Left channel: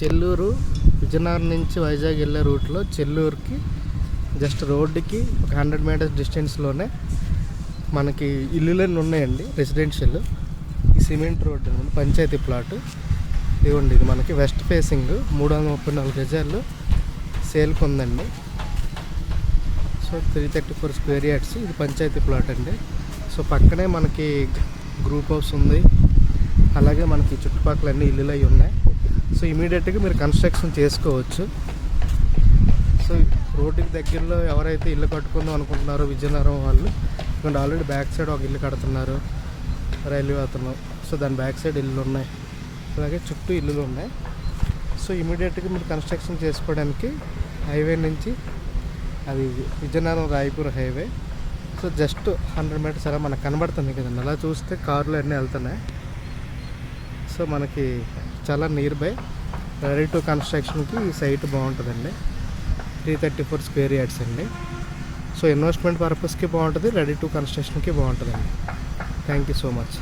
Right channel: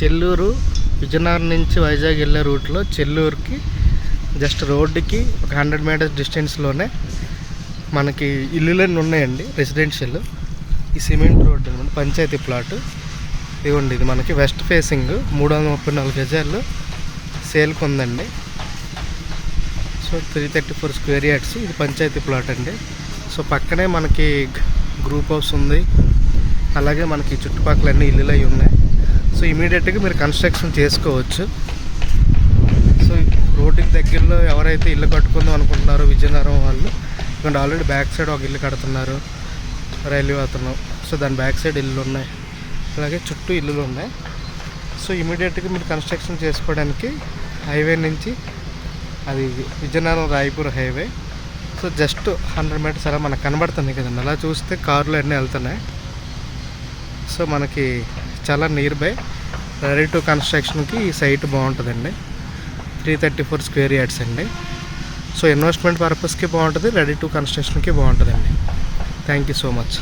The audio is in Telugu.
చెల్లూరు విజయనగరం నుంచి వైజాగ్ వెళ్ళే రూట్లో చెల్లూరుకి జస్ట్ రోడ్డుకి ఒక 100 మీటర్స్ డిస్టెన్స్లోనే మనకి ఇల్లులన్నీ ఉన్నాయండి, రెసిడెన్షియల్. ఈ సిమెంట్ రోడ్డు అనమాట, పంచాయతీ ప్లాట్. ఇదిగోండి, ఇది మనకి వెస్ట్ ఫేసింగ్ 334 గజాల్లో సేల్కి ఉందండి. So 334 square yards. ఇది పంచాయతీ ప్లాట్ అండి. సో పక్కనే మనకి గ్రూప్ హౌస్ ఉంది, అలాగే మనకి చుట్టుపక్కల అన్ని ఇల్లులు అవి ఉన్నాయి. సో ఇమీడియట్గా మీరు కన్స్ట్రక్షన్ చేసుకోవచ్చు. సో రోడ్డుకి దగ్గరలో ఎవరైతే ఇల్లు కట్టుకుందాం అనుకుంటున్నారో విజయనగరం వాళ్ళు, ఇక్కడ ఆల్రెడీ బ్యాక్ సైడ్ ఒక ఇల్లు కడుతున్నారు రైల్వే అతను. సో దాని బ్యాక్ సైడ్ ఇల్లు ఉన్నాయి, అలాగే చుట్టూ ఇల్లులు ఉన్నాయి. సో ఇమీడియట్గా మీరు కన్స్ట్రక్షన్ చేసుకోవడానికి హైవే నుంచి, అది Vizianagaram Raipur highway. So just 100 meters అలా మనకు కనబడుతుంది కదండి. అలా చూస్తే కార్లు అన్నీ వెళ్తున్నాయి. సో మనకి చాలా నియర్ బై, రెడీ టు కన్స్ట్రక్షన్కి ఈ సైట్ బాగుంటుందండి. 334 స్క్వేర్ యార్డ్స్ అండి. సో ఇన్వెస్ట్మెంట్ పర్పస్కి బాగుంటుంది, రెడీ టు కన్స్ట్రక్షన్కి బాగుంటుందండి. Thank you so much.